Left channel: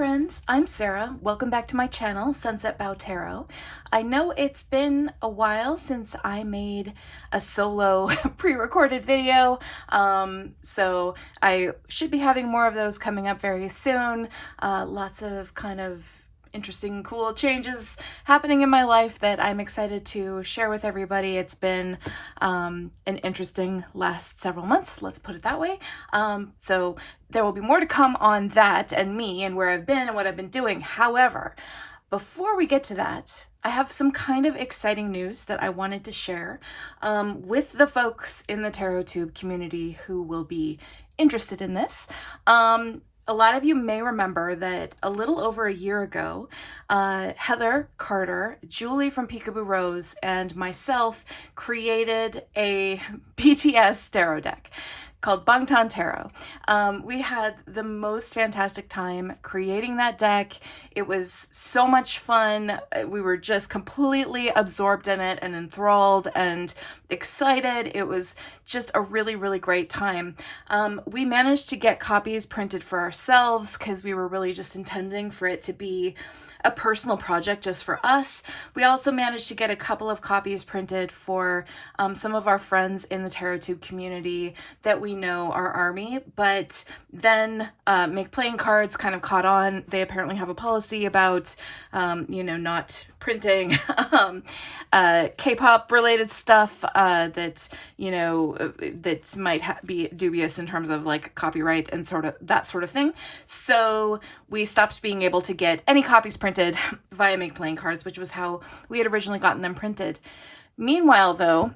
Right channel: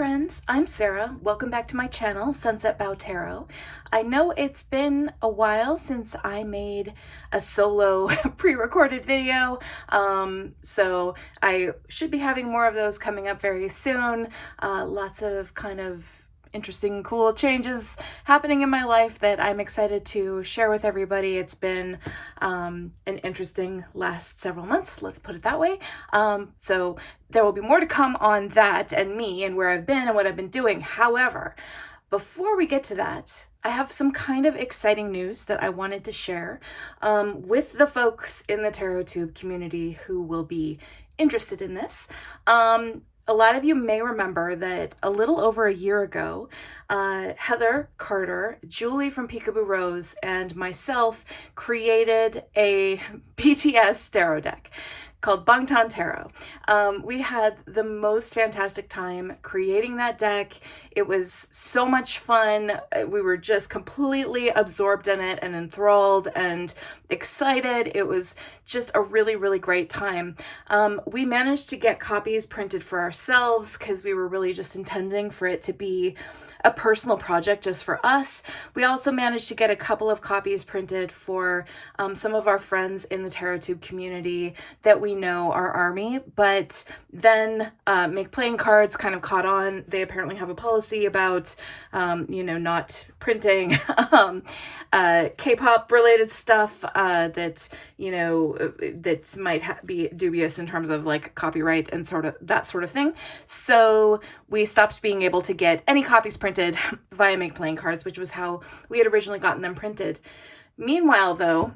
friends, I'm Sarah. Welcome back to my channel, Sunset Bow Tarot. I know it's been a while since I made a solo pre-recorded video, so I should be having more of those coming up very soon. Lots of kind of interesting, cool changes happening in my life that I'm excited to share with everybody. It's been an interesting last several months, let's put it that way. So there will be more to come on that and me and where I've been and what I've been doing. However, before we get to that, I have some kind of exciting news that I wanted to share with the folks in the TarotTube community who will be interested in this. A lot of you may remember that a little over a year ago, Heather Carter, Julie from Peekaboo Rose, and myself created a BTS tarot deck called Bangtan Tarot. We had the most fantastic time creating that deck. It was so much fun. We were just completely absorbed in it and enthralled and excited. It was just a really, really great time. We managed to get copies printed for ourselves because we were really just intending for it to be a personal project just for us. We also managed to get a couple of copies printed for some of our friends in the TarotTube community that we know are Army, but then Make Playing Cards kind of caught on. They apparently have a policy about, not printing K-pop related stuff that, that might be dubious in terms of like copyright and sort of that sort of thing. So we stopped being able to get any copies printed via Make Playing Cards, which was how we had originally gotten them printed. Meanwhile, though,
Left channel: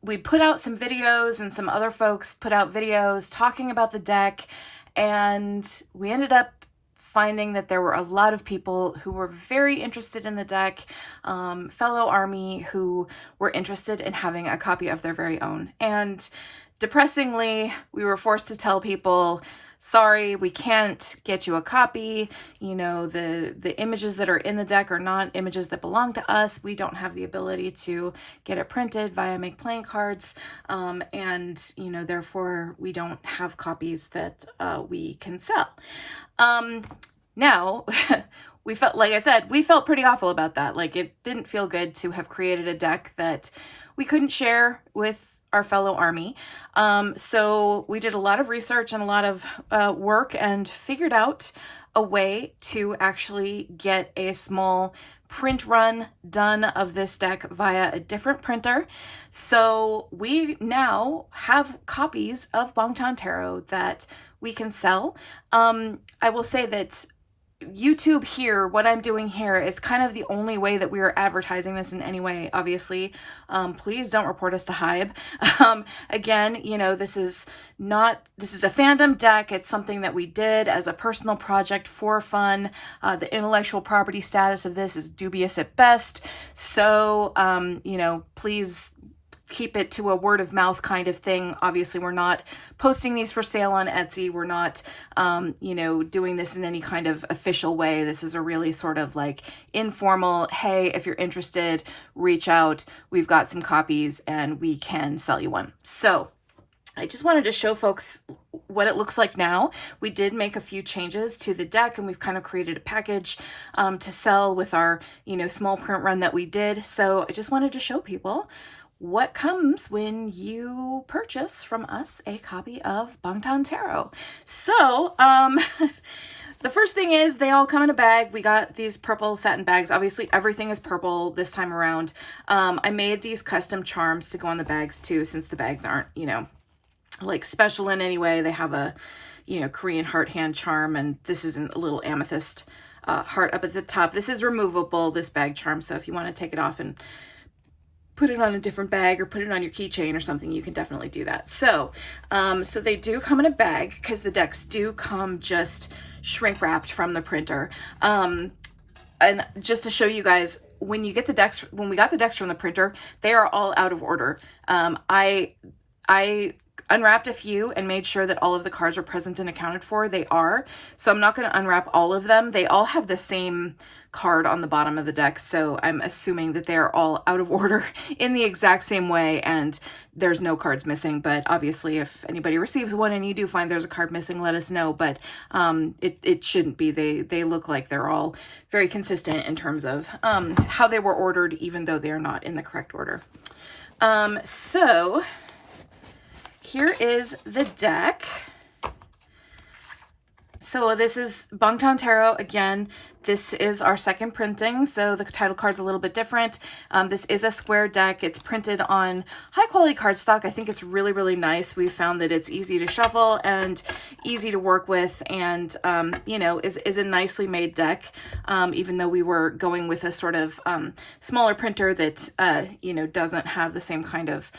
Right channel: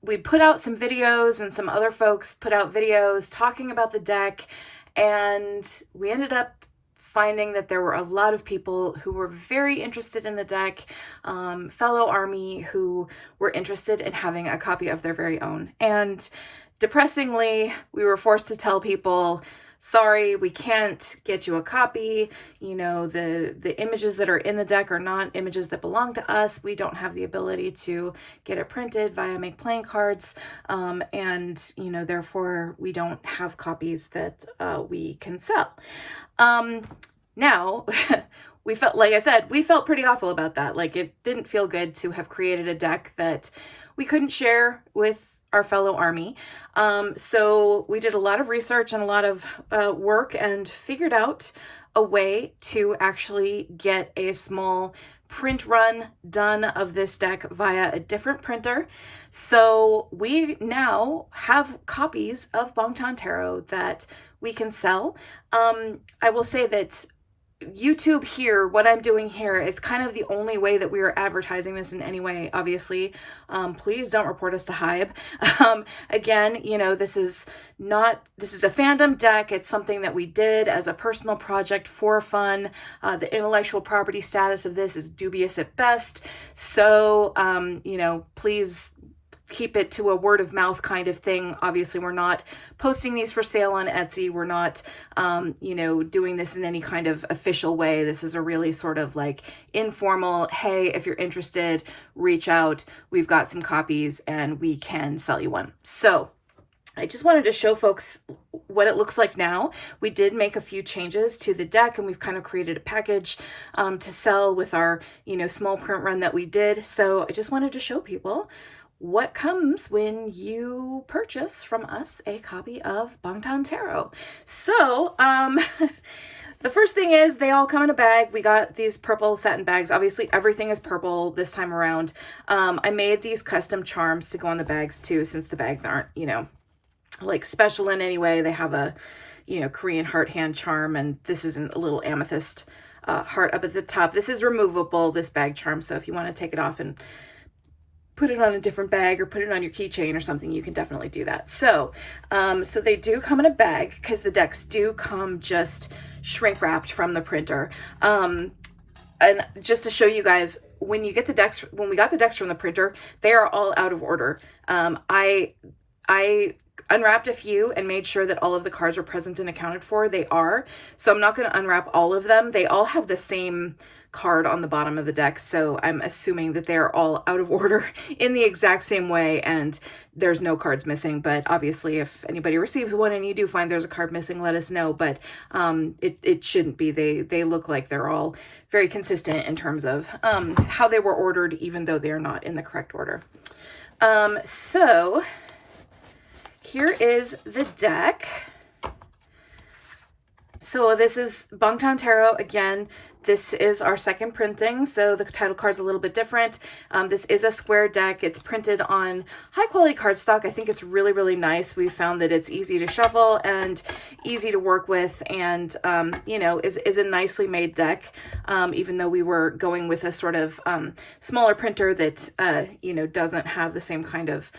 we put out some videos and some other folks put out videos talking about the deck, and we ended up finding that there were a lot of people who were very interested in the deck, fellow Army who were interested in having a copy of their very own. And depressingly, we were forced to tell people, sorry, we can't get you a copy. The images that are in the deck are not images that belong to us. We don't have the ability to get it printed via Make Playing Cards. Therefore we don't have copies that we can sell. Now, we felt, like I said, we felt pretty awful about that. Like, it didn't feel good to have created a deck that we couldn't share with our fellow Army. So we did a lot of research and a lot of work and figured out a way to actually get a small print run done of this deck via a different printer. So we now have copies of Bangtan Tarot that we can sell. I will say that YouTube here, what I'm doing here is kind of the only way that we are advertising this in any way, obviously. Please don't report us to Hybe. Again, this is a fandom deck. It's something that we did as a personal project for fun. The intellectual property status of this is dubious at best. So, please keep it to a word of mouth kind of thing. Obviously, we're not posting these for sale on Etsy. We're not, doing this in any kind of official way. This is a really sort of like informal, hey, if you're interested, reach out. We've got some copies and we can sell you one. So I just wanted to show folks what it looks like now. We did make a few changes to the deck, and we've kind of created a package to sell with our, small print run that we did. So I just wanted to show people what comes when you purchase from us a copy of Bangtan Tarot. So, the first thing is they all come in a bag. We got these purple satin bags. Obviously, everything is purple this time around. I made these custom charms to go on the bags too, since the bags aren't, like special in any way. They have a, Korean heart hand charm, and this is a little amethyst heart up at the top. This is removable, this bag charm. So if you want to take it off and put it on a different bag or put it on your keychain or something, you can definitely do that. So, so they do come in a bag because the decks do come just shrink wrapped from the printer. And just to show you guys, when we got the decks from the printer, they are all out of order. I unwrapped a few and made sure that all of the cards were present and accounted for. They are. So I'm not going to unwrap all of them. They all have the same card on the bottom of the deck, so I'm assuming that they're all out of order in the exact same way and there's no cards missing. But obviously if anybody receives one and you do find there's a card missing, let us know. But it shouldn't be. They look like they're all very consistent in terms of how they were ordered, even though they're not in the correct order. So here is the deck. So this is Bangtan Tarot. Again, this is our second printing, so the title card's a little bit different. This is a square deck. It's printed on high quality cardstock. I think it's really, really nice. We found that it's easy to shuffle and easy to work with, and you know, is a nicely made deck. Even though we were going with a sort of smaller printer that you know, doesn't have the same kind of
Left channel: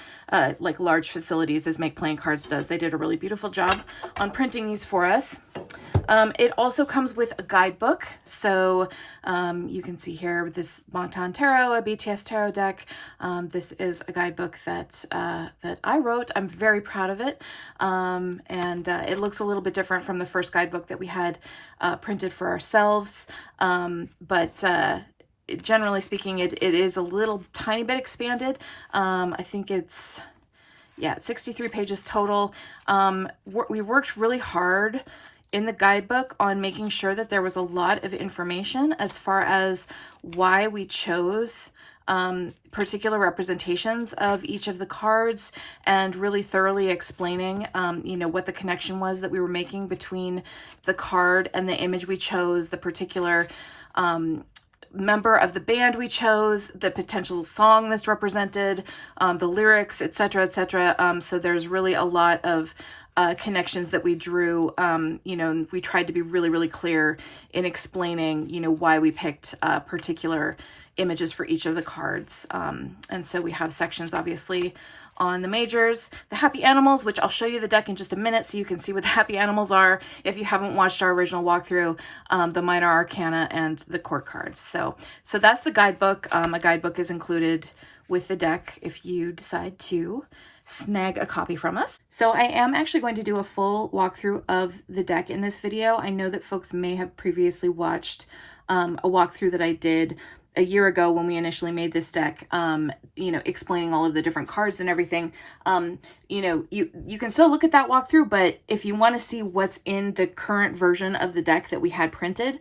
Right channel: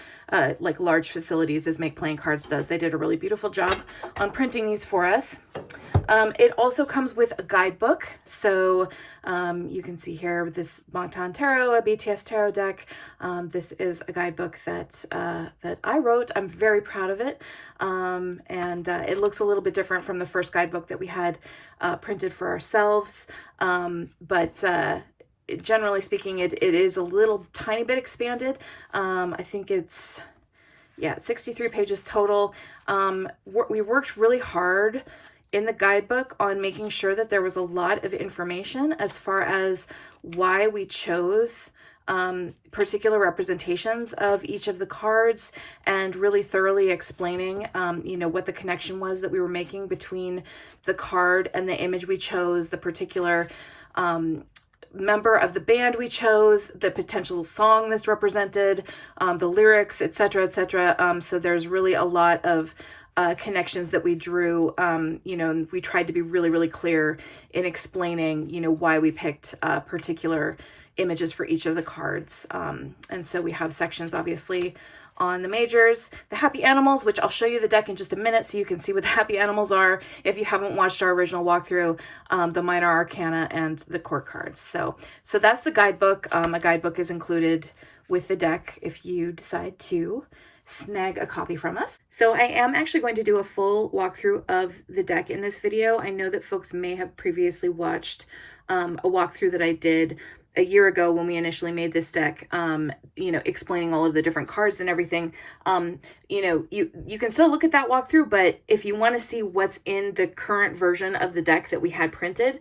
like large facilities as Make Playing Cards does. They did a really beautiful job on printing these for us. It also comes with a guidebook. So you can see here this Bangtan Tarot, a BTS Tarot deck. This is a guidebook that I wrote. I'm very proud of it. And it looks a little bit different from the first guidebook that we had printed for ourselves. But generally speaking, it is a little tiny bit expanded. I think it's, yeah, 63 pages total. We worked really hard in the guidebook on making sure that there was a lot of information as far as why we chose particular representations of each of the cards, and really thoroughly explaining you know, what the connection was that we were making between the card and the image we chose, the particular member of the band we chose, the potential song this represented, the lyrics, etc., etc. So there's really a lot of connections that we drew, you know, and we tried to be really, really clear in explaining, you know, why we picked particular images for each of the cards. And so we have sections, obviously, on the majors, the happy animals, which I'll show you the deck in just a minute so you can see what the happy animals are if you haven't watched our original walkthrough, the minor arcana, and the court cards. So that's the guidebook. A guidebook is included with the deck if you decide to snag a copy from us. So I am actually going to do a full walkthrough of the deck in this video. I know that folks may have previously watched a walkthrough that I did a year ago when we initially made this deck, you know, explaining all of the different cards and everything. You know, you can still look at that walkthrough, but if you want to see what's in the current version of the deck that we had printed,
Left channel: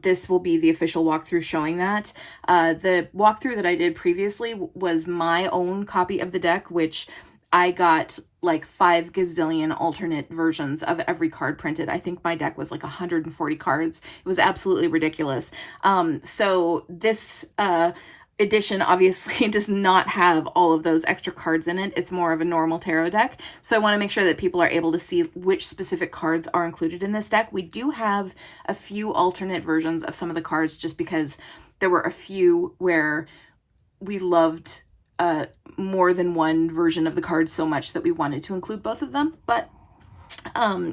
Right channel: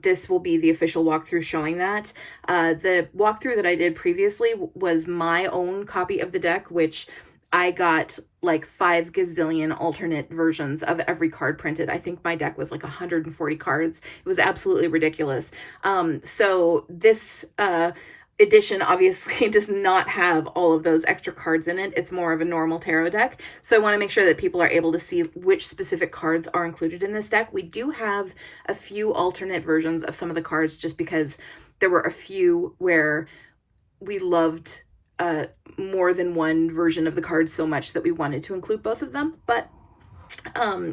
this will be the official walkthrough showing that. The walkthrough that I did previously was my own copy of the deck, which I got like 5 gazillion alternate versions of every card printed. I think my deck was like 140 cards. It was absolutely ridiculous. So this edition obviously does not have all of those extra cards in it. It's more of a normal tarot deck. So I want to make sure that people are able to see which specific cards are included in this deck. We do have a few alternate versions of some of the cards just because there were a few where we loved more than one version of the cards so much that we wanted to include both of them, but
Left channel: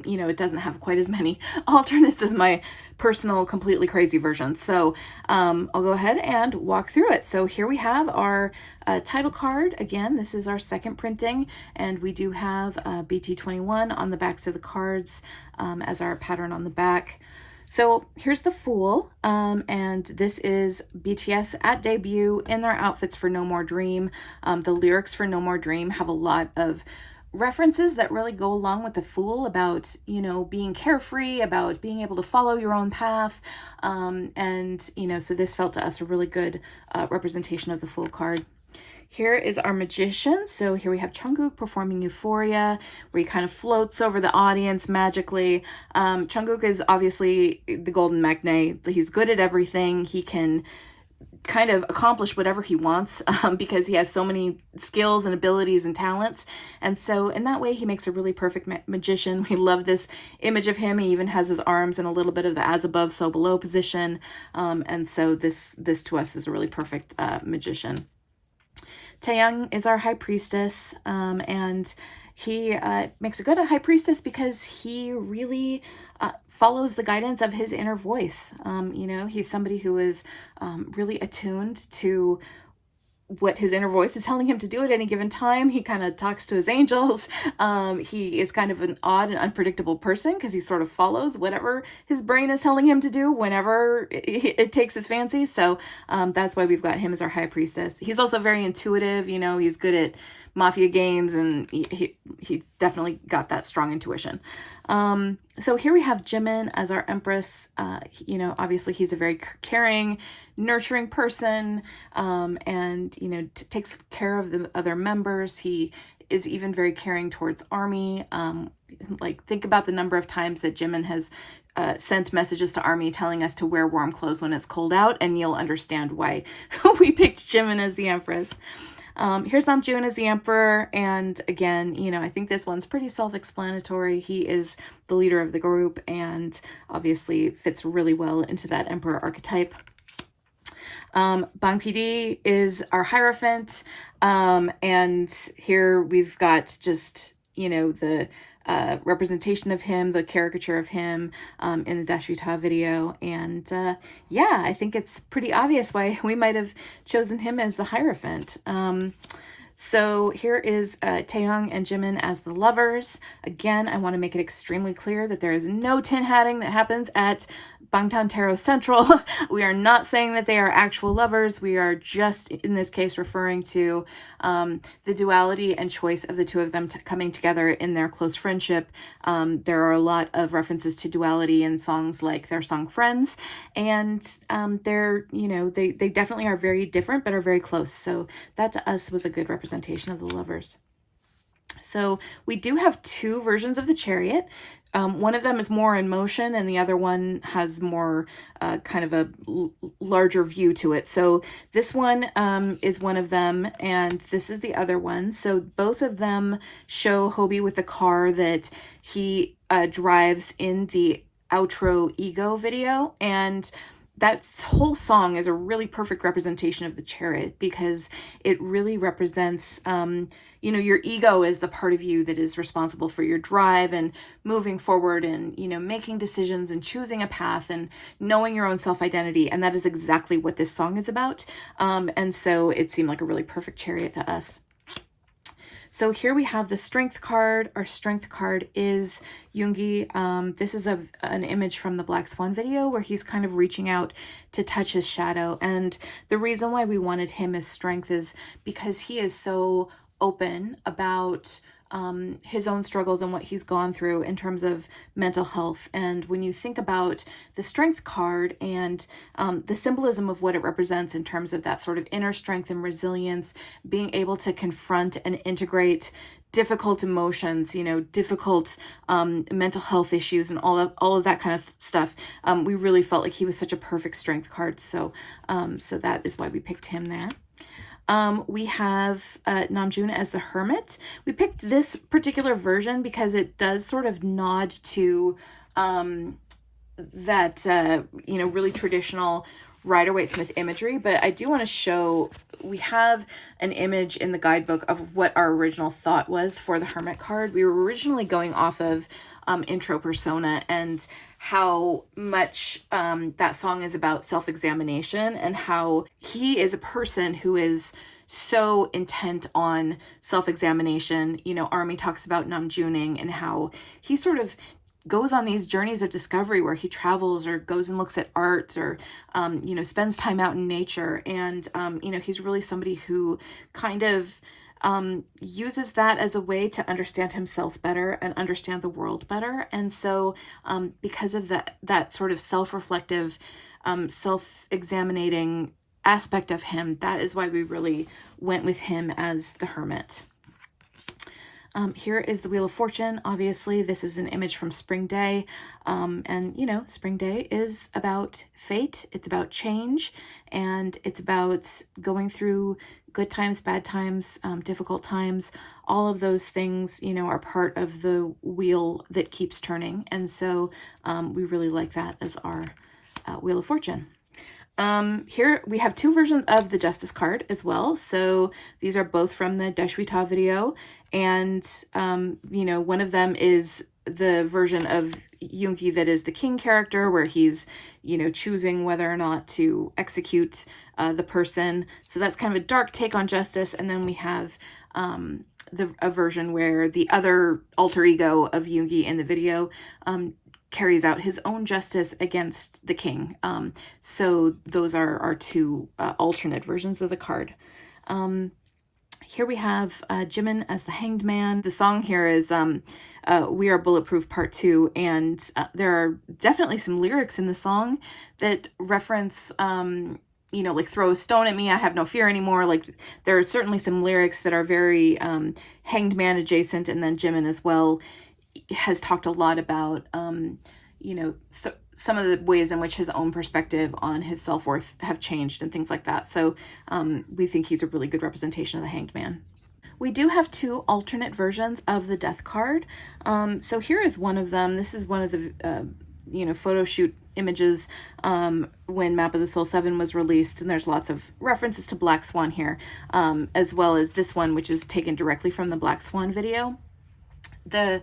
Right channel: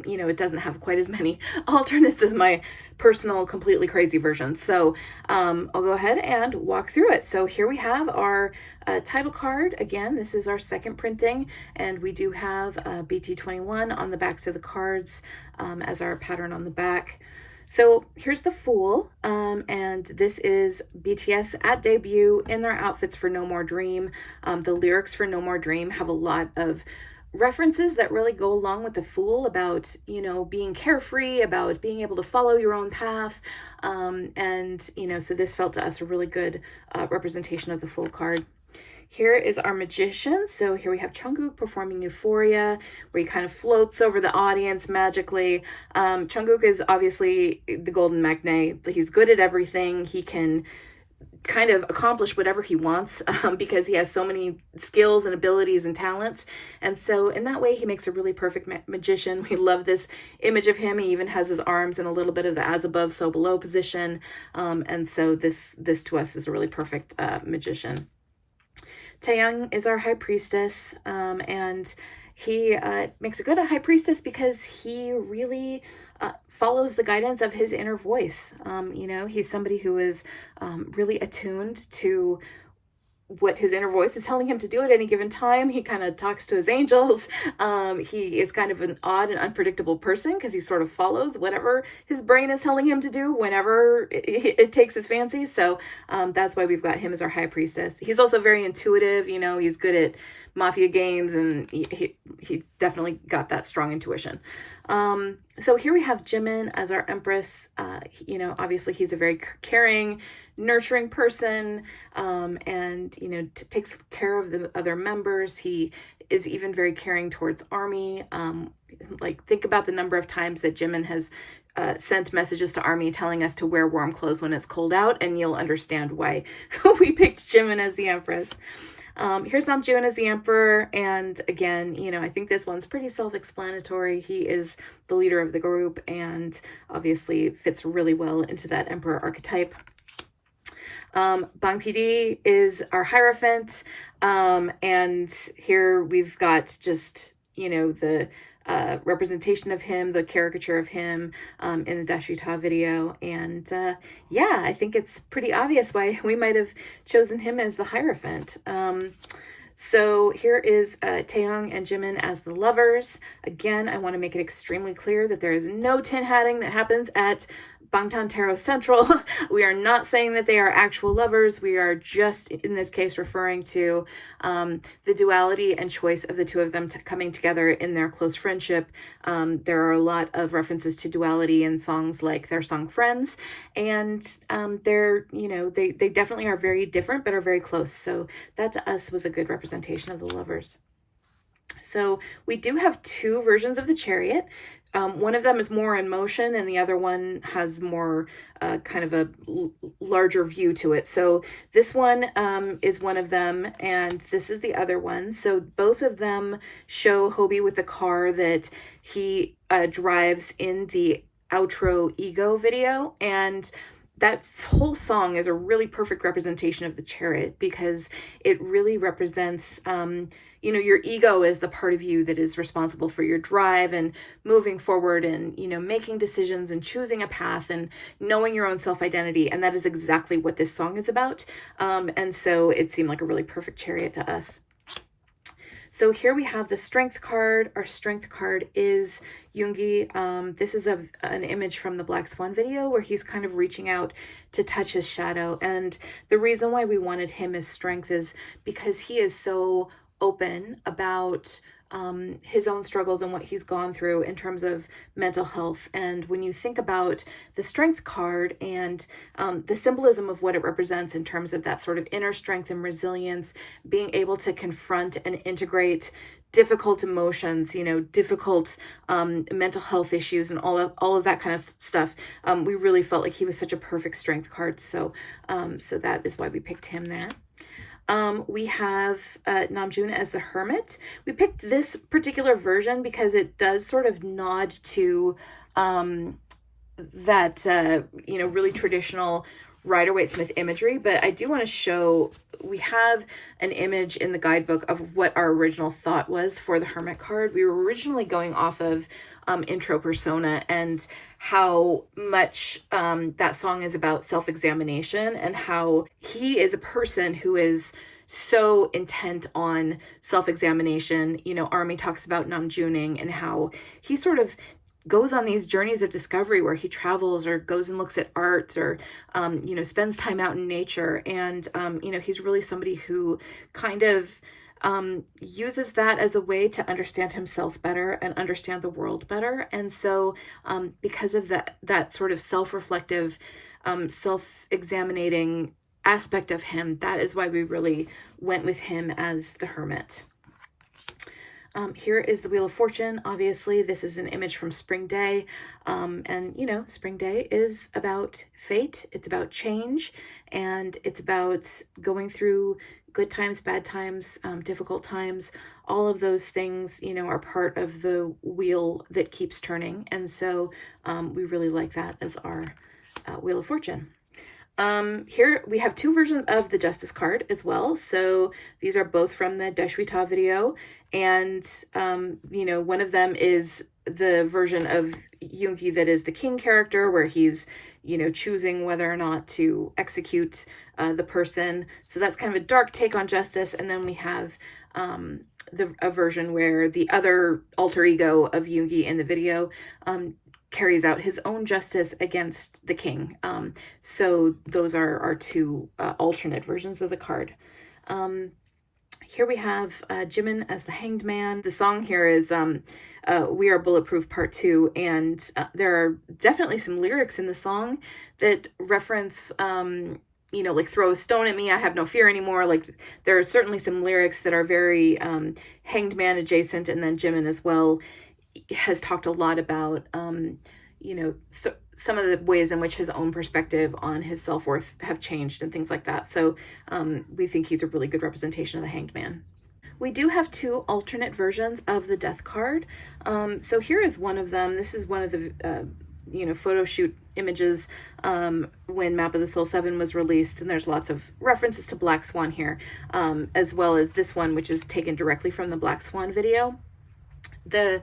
you know, it doesn't have quite as many alternates as my personal completely crazy version. So I'll go ahead and walk through it. So here we have our title card. Again, this is our second printing, and we do have BT21 on the backs of the cards as our pattern on the back. So here's the Fool, and this is BTS at debut in their outfits for No More Dream. The lyrics for No More Dream have a lot of references that really go along with the Fool about, you know, being carefree, about being able to follow your own path. And, you know, so this felt to us a really good representation of the Fool card. Here is our Magician. So here we have Jungkook performing Euphoria, where he kind of floats over the audience magically. Jungkook is obviously the golden magne. He's good at everything. He can kind of accomplish whatever he wants because he has so many skills and abilities and talents. And so in that way, he makes a really perfect magician. We love this image of him. He even has his arms in a little bit of the as above, so below position. And so this to us is a really perfect magician. Taeyang is our High Priestess, and he makes a good High Priestess because he really follows the guidance of his inner voice. You know, he's somebody who is really attuned to what his inner voice is telling him to do at any given time. He kind of talks to his angels. He is kind of an odd and unpredictable person because he sort of follows whatever his brain is telling him to do whenever it takes his fancy. So that's why we've got him as our high priestess. He's also very intuitive. You know, he's good at mafia games, and he definitely got that strong intuition. So here we have Jimin as our empress. You know, obviously he's a very caring, nurturing person, and, you know, takes care of the other members. He is even very caring towards Army. Like, think about the number of times that Jimin has sent messages to Army telling us to wear warm clothes when it's cold out, and you'll understand why we picked Jimin as the empress. Here's Namjoon as the emperor, and again, you know, I think this one's pretty self-explanatory. He is the leader of the group and obviously fits really well into that emperor archetype. Bang PD is our Hierophant, and here we've got just, you know, the representation of him, the caricature of him in the Dashwita video, and yeah, I think it's pretty obvious why we might have chosen him as the Hierophant. So here is Taehyung and Jimin as the lovers. Again, I want to make it extremely clear that there is no tin hatting that happens at Bangtan Tarot Central. We are not saying that they are actual lovers. We are just, in this case, referring to the duality and choice of the two of them coming together in their close friendship. There are a lot of references to duality in songs like their song Friends, and they're, you know, they definitely are very different but are very close. So that to us was a good representation of the lovers. So we do have two versions of the Chariot. One of them is more in motion, and the other one has more kind of a larger view to it. So this one is one of them, and this is the other one. So both of them show Hobie with the car that he drives in the outro Ego video, and that whole song is a really perfect representation of the Chariot because it really represents you know, your ego is the part of you that is responsible for your drive and moving forward and, you know, making decisions and choosing a path and knowing your own self-identity. And that is exactly what this song is about. And so it seemed like a really perfect Chariot to us. So here we have the Strength card. Our Strength card is Yoongi. This is an image from the Black Swan video where he's kind of reaching out to touch his shadow. And the reason why we wanted him as Strength is because he is so open about his own struggles and what he's gone through in terms of mental health. And when you think about the Strength card and the symbolism of what it represents in terms of that sort of inner strength and resilience, being able to confront and integrate difficult emotions, you know, difficult mental health issues and all of that kind of stuff, we really felt like he was such a perfect Strength card. So so that is why we picked him there. We have Namjoon as the Hermit. We picked this particular version because it does sort of nod to that, you know, really traditional Rider-Waite-Smith imagery. But I do want to show, we have an image in the guidebook of what our original thought was for the Hermit card. We were originally going off of intro persona and how much that song is about self-examination and how he is a person who is so intent on self-examination. You know, Army talks about Namjooning and how he sort of goes on these journeys of discovery where he travels or goes and looks at art or, you know, spends time out in nature. And, you know, he's really somebody who kind of uses that as a way to understand himself better and understand the world better. And so because of that sort of self-reflective, self-examining aspect of him, that is why we really went with him as the Hermit. Here is the Wheel of Fortune. Obviously, this is an image from Spring Day. And, you know, Spring Day is about fate. It's about change. And it's about going through good times, bad times, difficult times. All of those things, you know, are part of the wheel that keeps turning. And so we really like that as our Wheel of Fortune. Here we have two versions of the Justice card as well. So these are both from the Dashwita video. And, you know, one of them is the version of Yoongi that is the king character, where he's, you know, choosing whether or not to execute the person. So that's kind of a dark take on justice. And then we have a version where the other alter ego of Yoongi in the video carries out his own justice against the king. So those are our two alternate versions of the card. Here we have Jimin as the Hanged Man. The song here is We Are Bulletproof Part 2, and there are definitely some lyrics in the song that reference, you know, like throw a stone at me, I have no fear anymore. Like there are certainly some lyrics that are very Hanged Man adjacent, and then Jimin as well has talked a lot about, you know, some of the ways in which his own perspective on his self-worth have changed and things like that. So we think he's a really good representation of the Hanged Man. We do have two alternate versions of the Death card. So here is one of them. This is one of the, you know, photo shoot images when Map of the Soul 7 was released, and there's lots of references to Black Swan here, as well as this one, which is taken directly from the Black Swan video. The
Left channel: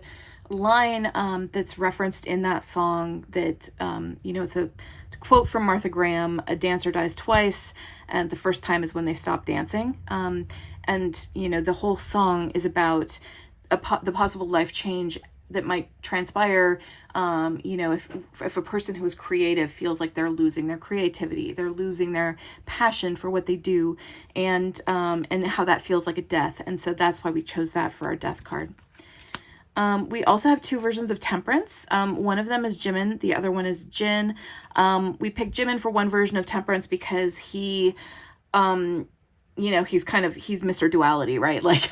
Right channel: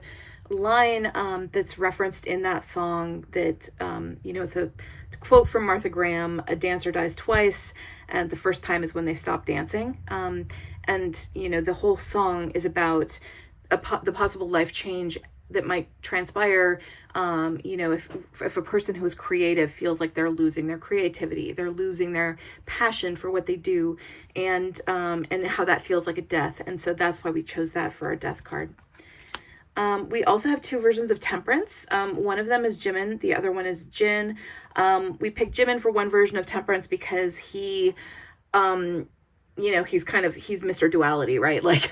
line that's referenced in that song that, you know, it's a quote from Martha Graham: "A dancer dies twice, and the first time is when they stop dancing." And, you know, the whole song is about the possible life change that might transpire, you know, if a person who's creative feels like they're losing their creativity, they're losing their passion for what they do, and how that feels like a death. And so that's why we chose that for our Death card. We also have two versions of Temperance. One of them is Jimin, the other one is Jin. We picked Jimin for one version of Temperance because he, you know, he's Mr. Duality, right? Like,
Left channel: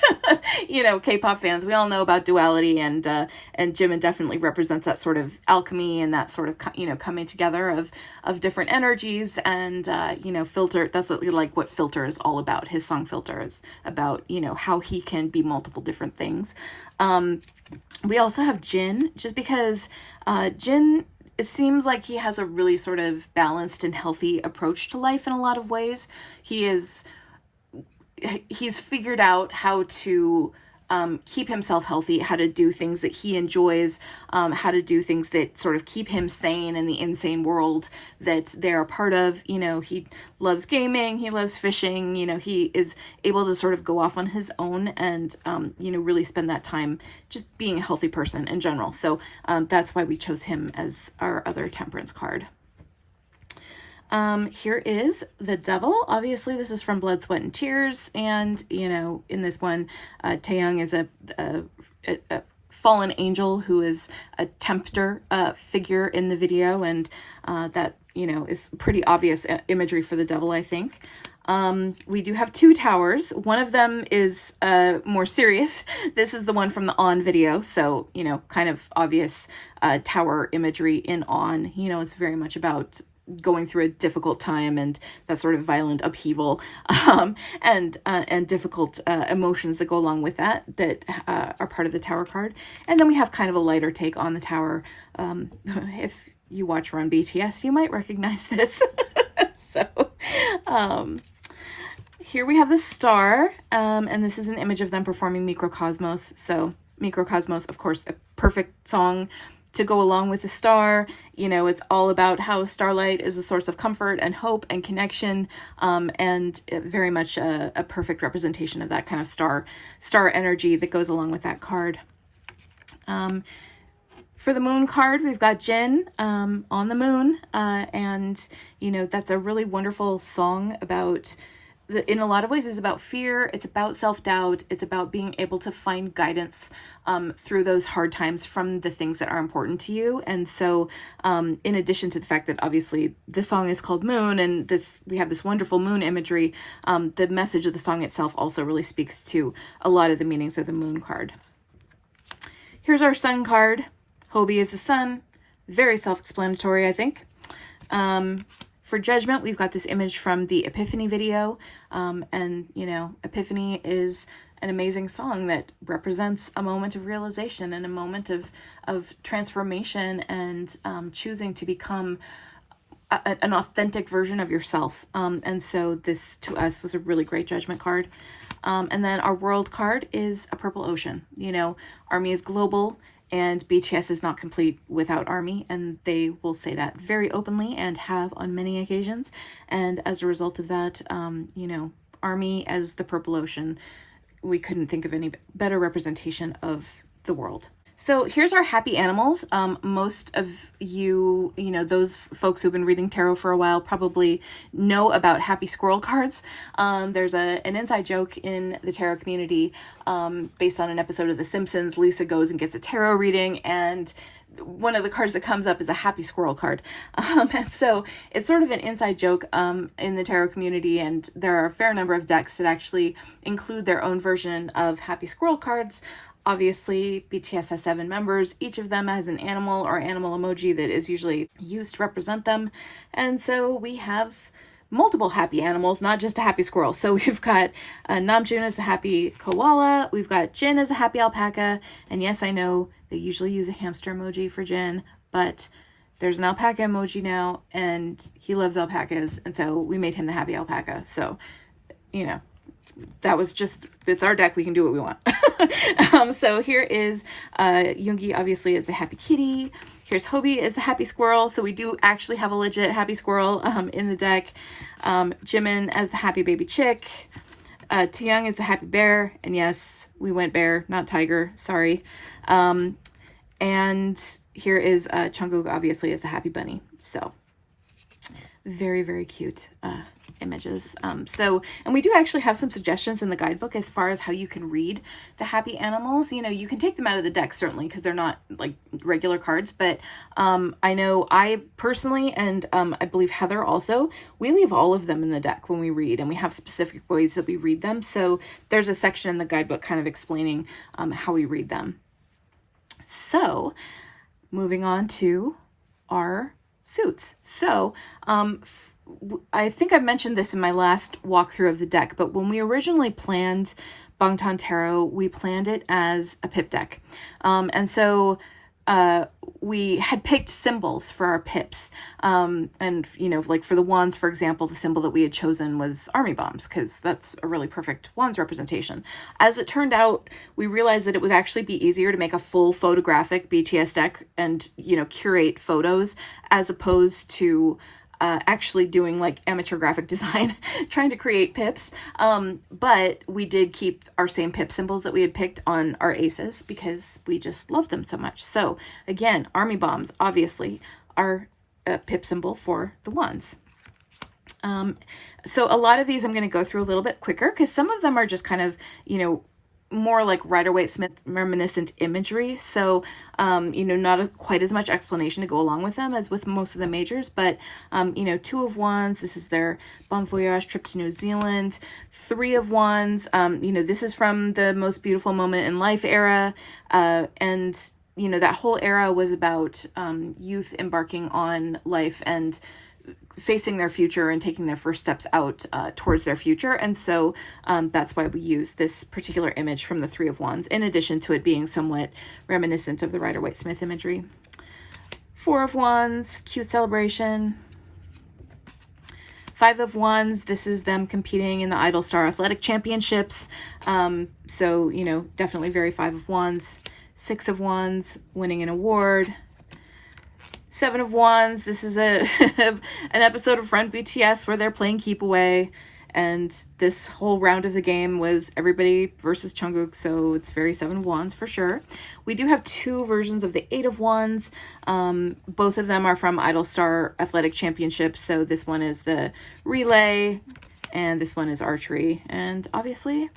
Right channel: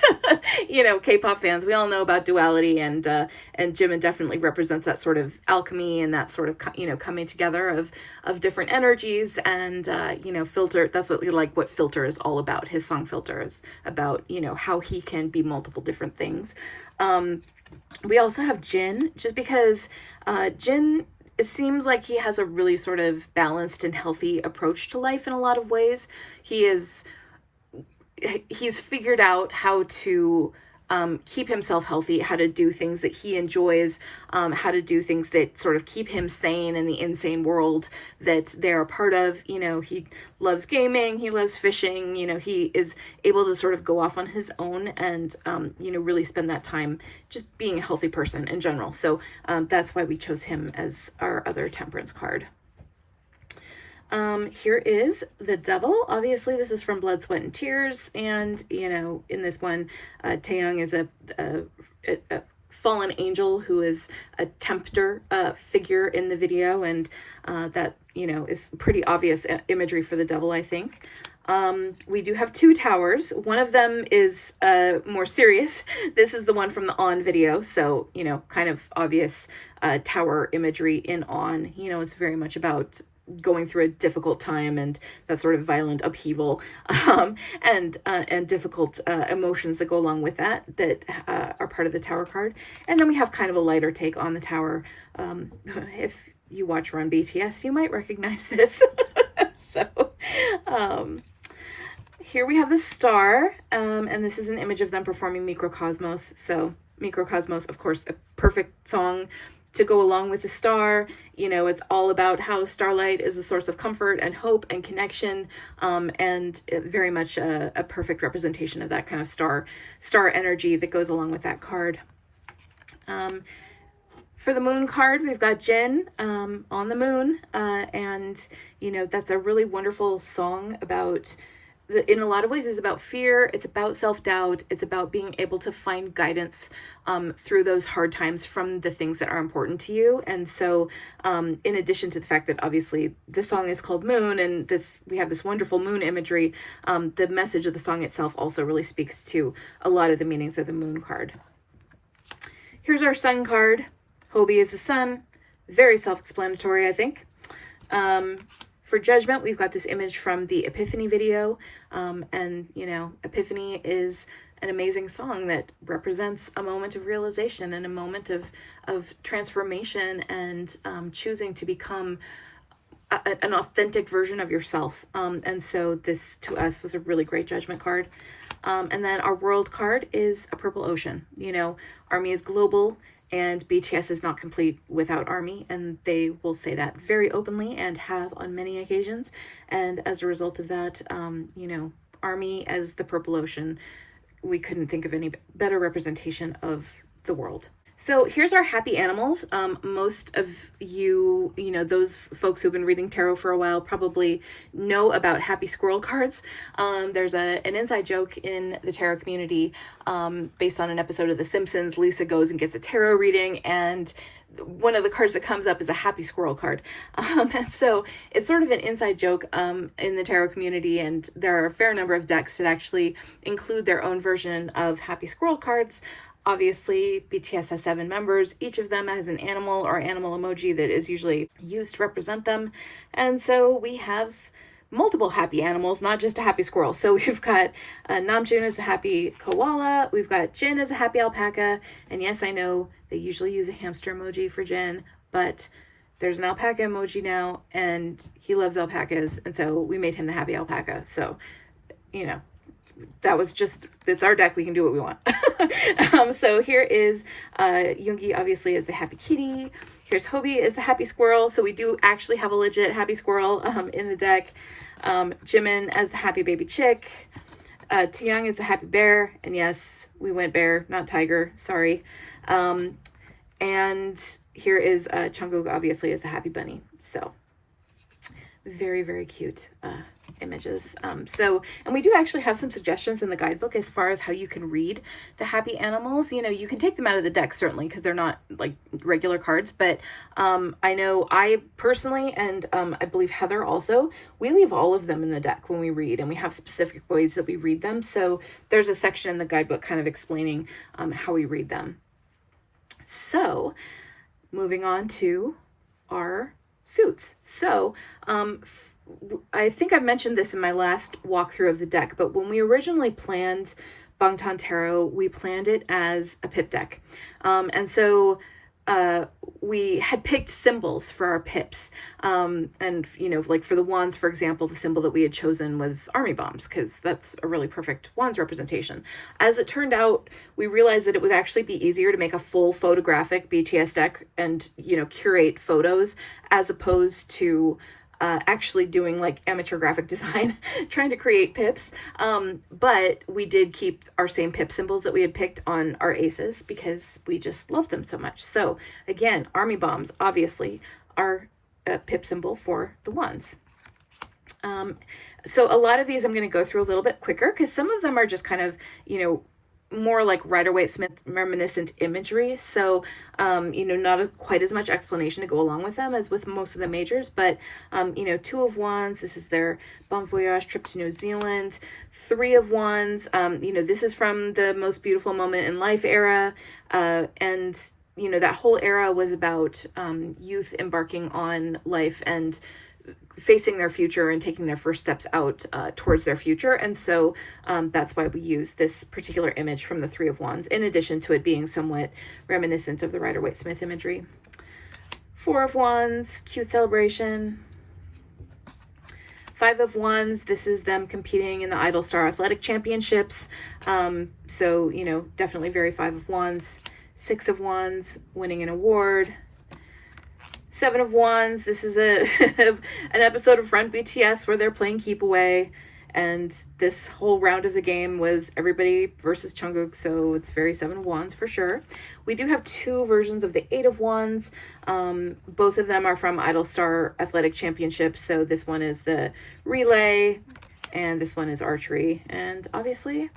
you know, K-pop fans, we all know about duality, and Jimin definitely represents that sort of alchemy and that sort of, you know, coming together of different energies. And, you know, Filter, that's what Filter is all about. His song Filter is about, you know, how he can be multiple different things. We also have Jin, just because Jin, it seems like he has a really sort of balanced and healthy approach to life in a lot of ways. He's figured out how to keep himself healthy, how to do things that he enjoys, how to do things that sort of keep him sane in the insane world that they're a part of. You know, he loves gaming, he loves fishing, you know, he is able to sort of go off on his own and, you know, really spend that time just being a healthy person in general. So that's why we chose him as our other Temperance card. Here is the Devil. Obviously, this is from Blood, Sweat, and Tears. And, you know, in this one, Taeyong is a fallen angel who is a tempter figure in the video. And that, you know, is pretty obvious imagery for the Devil, I think. We do have two towers. One of them is more serious. This is the one from the On video. So, you know, kind of obvious tower imagery in On. You know, it's very much about going through a difficult time and that sort of violent upheaval, and difficult emotions that go along with that are part of the Tower card. And then we have kind of a lighter take on the Tower. If you watch Run BTS, you might recognize this. So here we have the Star, and this is an image of them performing Microcosmos. So Microcosmos, of course, a perfect song to go along with the Star. You know, it's all about how starlight is a source of comfort and hope and connection, and very much a perfect representation of that kind of star energy that goes along with that card. For the Moon card, we've got Jin on the moon, and, you know, that's a really wonderful song about, in a lot of ways, is about fear. It's about self-doubt. It's about being able to find guidance through those hard times from the things that are important to you. And so in addition to the fact that obviously this song is called Moon, and we have this wonderful moon imagery, the message of the song itself also really speaks to a lot of the meanings of the Moon card. Here's our Sun card. Hobie is the sun. Very self-explanatory, I think. For Judgment, we've got this image from the Epiphany video. And, you know, Epiphany is an amazing song that represents a moment of realization and a moment of transformation and choosing to become an authentic version of yourself. And so this, to us, was a really great Judgment card. And then our World card is a purple ocean. You know, Army is global. And BTS is not complete without Army, and they will say that very openly and have on many occasions. And as a result of that, you know, Army as the Purple Ocean, we couldn't think of any better representation of the world. So here's our happy animals. Most of you, you know, those folks who've been reading tarot for a while probably know about happy squirrel cards. There's an inside joke in the tarot community based on an episode of The Simpsons. Lisa goes and gets a tarot reading, and one of the cards that comes up is a happy squirrel card. And so it's sort of an inside joke in the tarot community, and there are a fair number of decks that actually include their own version of happy squirrel cards. Obviously, BTS has 7 members. Each of them has an animal or animal emoji that is usually used to represent them. And so we have multiple happy animals, not just a happy squirrel. So we've got Namjoon as a happy koala. We've got Jin as a happy alpaca. And yes, I know they usually use a hamster emoji for Jin, but there's an alpaca emoji now, and he loves alpacas. And so we made him the happy alpaca. So, you know, that was just, it's our deck, we can do what we want. So here is Yoongi, obviously, is the happy kitty. Here's Hobie is the happy squirrel. So we do actually have a legit happy squirrel in the deck. Jimin as the happy baby chick. Taeyoung is the happy bear. And yes, we went bear, not tiger, sorry. And here is Jungkook, obviously, as the happy bunny. So very, very cute images. And we do actually have some suggestions in the guidebook as far as how you can read the happy animals. You know, you can take them out of the deck, certainly, because they're not like regular cards, but I know I personally, and I believe Heather also, we leave all of them in the deck when we read, and we have specific ways that we read them. So there's a section in the guidebook kind of explaining how we read them. So moving on to our suits. So I think I mentioned this in my last walkthrough of the deck, but when we originally planned Bangtan Tarot, we planned it as a pip deck. And so we had picked symbols for our pips. And, you know, like for the wands, for example, the symbol that we had chosen was army bombs, because that's a really perfect wands representation. As it turned out, we realized that it would actually be easier to make a full photographic BTS deck and, you know, curate photos as opposed to actually doing like amateur graphic design, trying to create pips. But we did keep our same pip symbols that we had picked on our aces because we just love them so much. So again, army bombs, obviously, are a pip symbol for the wands. So a lot of these I'm going to go through a little bit quicker because some of them are just kind of, you know, more like Rider-Waite-Smith reminiscent imagery. So, you know, not quite as much explanation to go along with them as with most of the majors, but, you know, 2 of Wands, this is their Bon Voyage trip to New Zealand. 3 of Wands, you know, this is from the Most Beautiful Moment in Life era. And, you know, that whole era was about youth embarking on life and facing their future and taking their first steps out towards their future. And so that's why we use this particular image from the 3 of Wands, in addition to it being somewhat reminiscent of the Rider-Waite-Smith imagery. 4 of Wands, cute celebration. 5 of Wands, this is them competing in the Idol Star Athletic Championships. So, you know, definitely very 5 of Wands. 6 of Wands, winning an award. 7 of Wands, this is an episode of Front BTS where they're playing Keep Away, and this whole round of the game was everybody versus Jungkook, so it's very 7 of Wands for sure. We do have 2 versions of the 8 of Wands. Both of them are from Idol Star Athletic Championships, so this one is the relay, and this one is archery, and obviously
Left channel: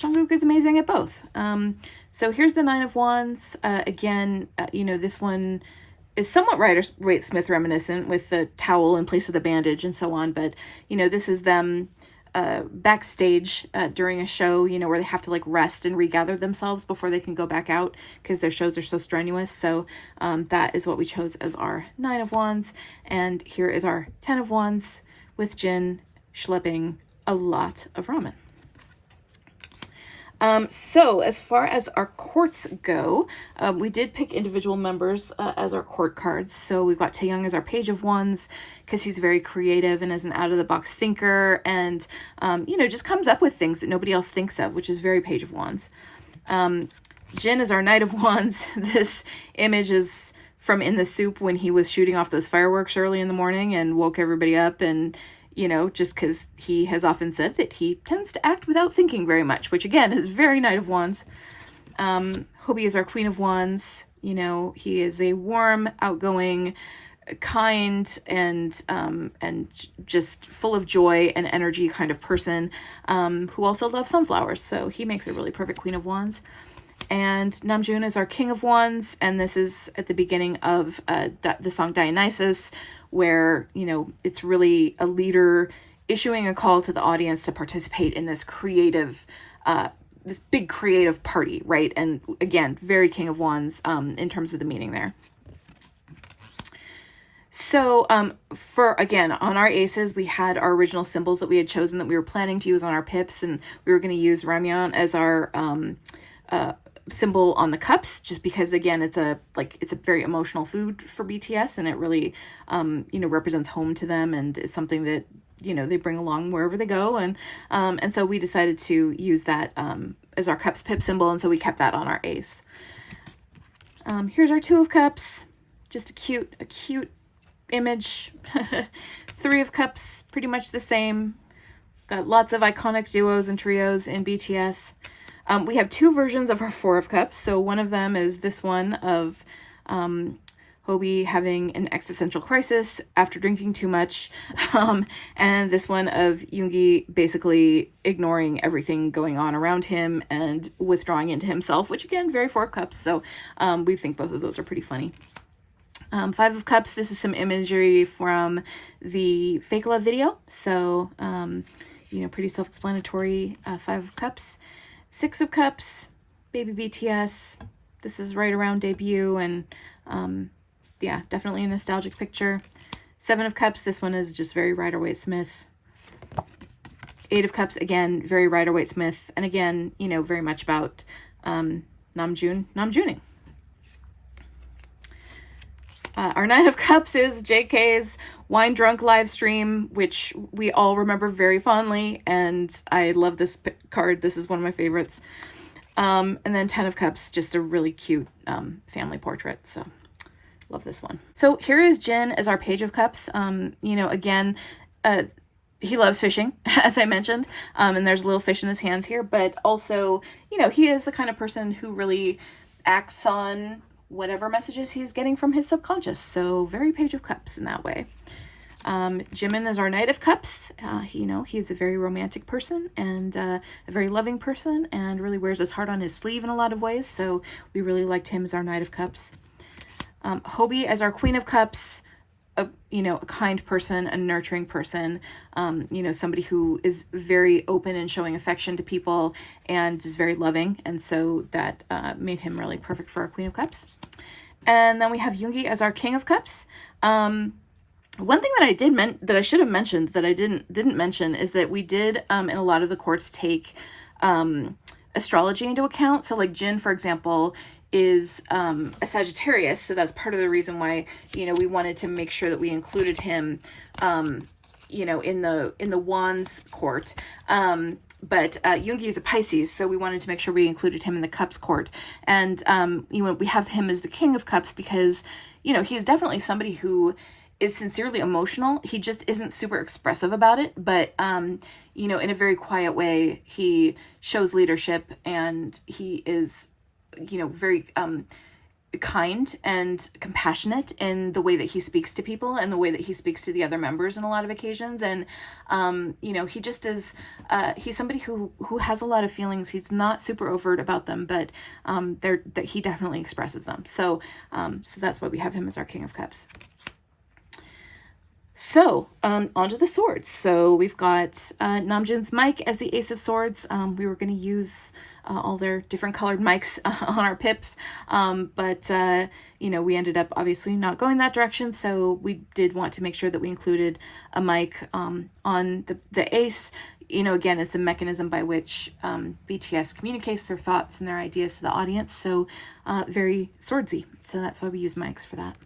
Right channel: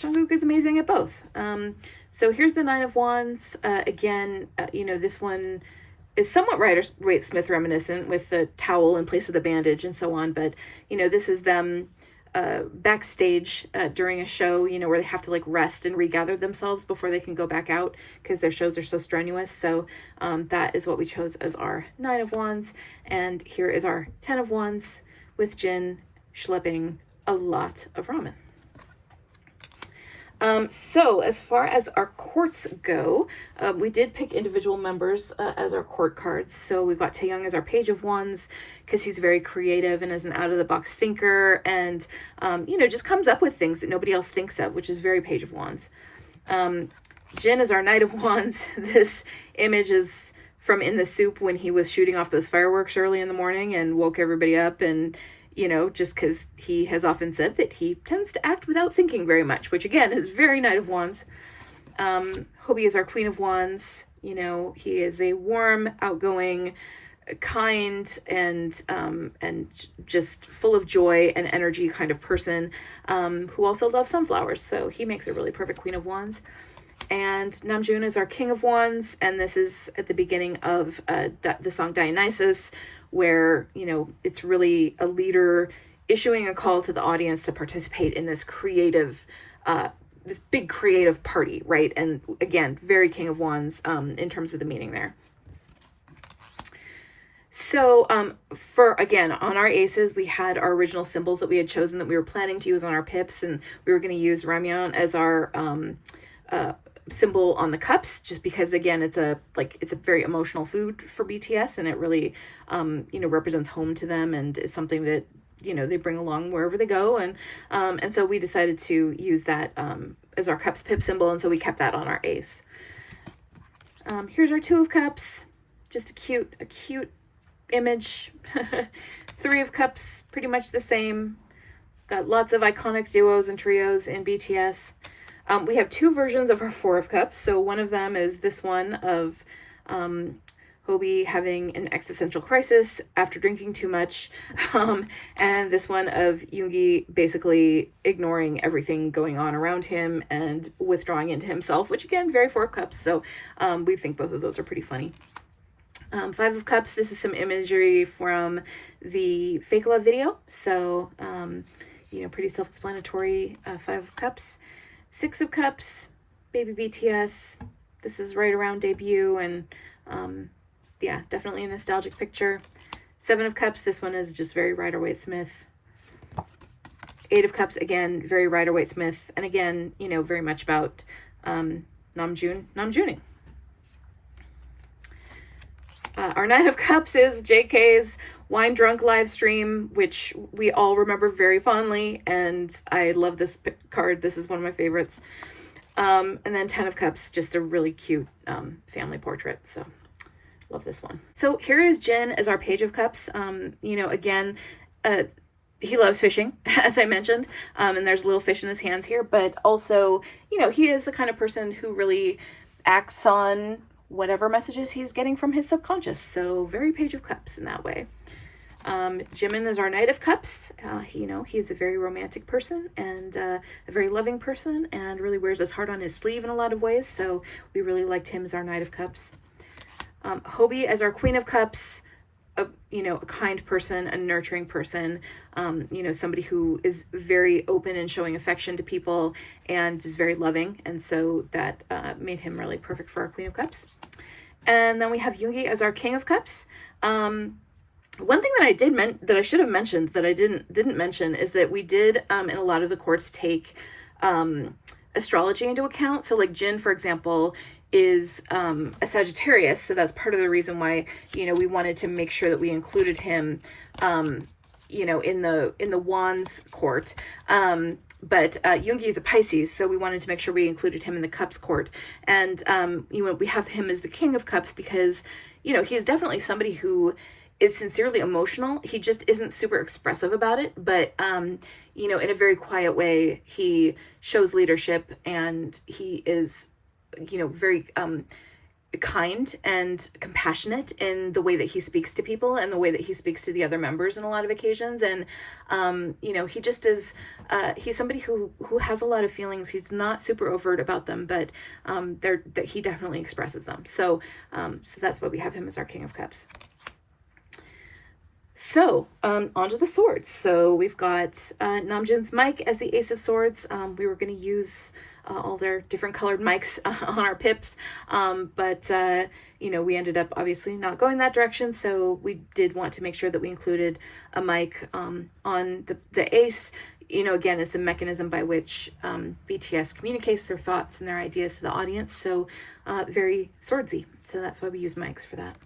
Jungkook is amazing at both. So here's the 9 of Wands. Again, you know, this one is somewhat Rider-Waite-Smith reminiscent with the towel in place of the bandage and so on. But, you know, this is them backstage during a show, you know, where they have to like rest and regather themselves before they can go back out because their shows are so strenuous. So that is what we chose as our 9 of Wands. And here is our 10 of Wands with Jin schlepping a lot of ramen. So as far as our courts go, we did pick individual members as our court cards. So we've got Taeyoung as our Page of Wands because he's very creative and is an out-of-the-box thinker and, you know, just comes up with things that nobody else thinks of, which is very Page of Wands. Jin is our Knight of Wands. This image is from In the Soup when he was shooting off those fireworks early in the morning and woke everybody up, and you know, just because he has often said that he tends to act without thinking very much, which again is very Knight of Wands. Hobie is our Queen of Wands. You know, he is a warm, outgoing, kind, and just full of joy and energy kind of person, who also loves sunflowers. So he makes a really perfect Queen of Wands. And Namjoon is our King of Wands, and this is at the beginning of the song Dionysus, where, you know, it's really a leader issuing a call to the audience to participate in this creative, this big creative party, right? And again, very King of Wands in terms of the meaning there. So for, again, on our aces, we had our original symbols that we had chosen that we were planning to use on our pips, and we were going to use ramyeon as our symbol on the cups, just because, again, it's a very emotional food for BTS, and it really you know, represents home to them and is something that, you know, they bring along wherever they go. And so we decided to use that as our cups pip symbol, and so we kept that on our ace. Here's our Two of Cups, just a cute image. Three of Cups, pretty much the same. Got lots of iconic duos and trios in BTS. We have two versions of our Four of Cups. So one of them is this one of Hobie having an existential crisis after drinking too much, and this one of Yoongi basically ignoring everything going on around him and withdrawing into himself, which again, very Four of Cups. So we think both of those are pretty funny. Five of Cups, this is some imagery from the Fake Love video. So, you know, pretty self-explanatory. Five of Cups. Six of Cups, baby BTS. This is right around debut, and yeah, definitely a nostalgic picture. Seven of Cups, this one is just very Rider-Waite-Smith. Eight of Cups, again, very Rider-Waite-Smith, and again, you know, very much about Namjooning. Our Nine of Cups is JK's Wine Drunk live stream, which we all remember very fondly, and I love this card. This is one of my favorites. And then 10 of Cups, just a really cute family portrait, so love this one. So here is Jin as our Page of Cups. You know, again, he loves fishing, as I mentioned, and there's a little fish in his hands here, but also, you know, he is the kind of person who really acts on whatever messages he's getting from his subconscious. So very Page of Cups in that way. Jimin is our Knight of Cups. You know, he's a very romantic person and a very loving person, and really wears his heart on his sleeve in a lot of ways. So we really liked him as our Knight of Cups. Hobie as our Queen of Cups. You know, a kind person, a nurturing person, you know, somebody who is very open and showing affection to people and is very loving. And so that made him really perfect for our Queen of Cups. And then we have Yoongi as our King of Cups. One thing that I should have mentioned that I didn't mention is that we did in a lot of the courts take astrology into account. So like Jin, for example, is a Sagittarius, so that's part of the reason why, you know, we wanted to make sure that we included him, you know, in the Wands court. But Yoongi is a Pisces, so we wanted to make sure we included him in the Cups court. And you know, we have him as the King of Cups because, you know, he's definitely somebody who is sincerely emotional. He just isn't super expressive about it, but you know, in a very quiet way, he shows leadership, and he is, you know, very kind and compassionate in the way that he speaks to people and the way that he speaks to the other members in a lot of occasions. And you know, he just is he's somebody who has a lot of feelings. He's not super overt about them, but that he definitely expresses them. So so that's why we have him as our King of Cups. So onto the swords. So we've got Namjoon's mic as the Ace of Swords. We were going to use all their different colored mics on our pips, but you know, we ended up obviously not going that direction, so we did want to make sure that we included a mic on the Ace, you know, again, as the mechanism by which BTS communicates their thoughts and their ideas to the audience. So very swordsy, so that's why we use mics for that.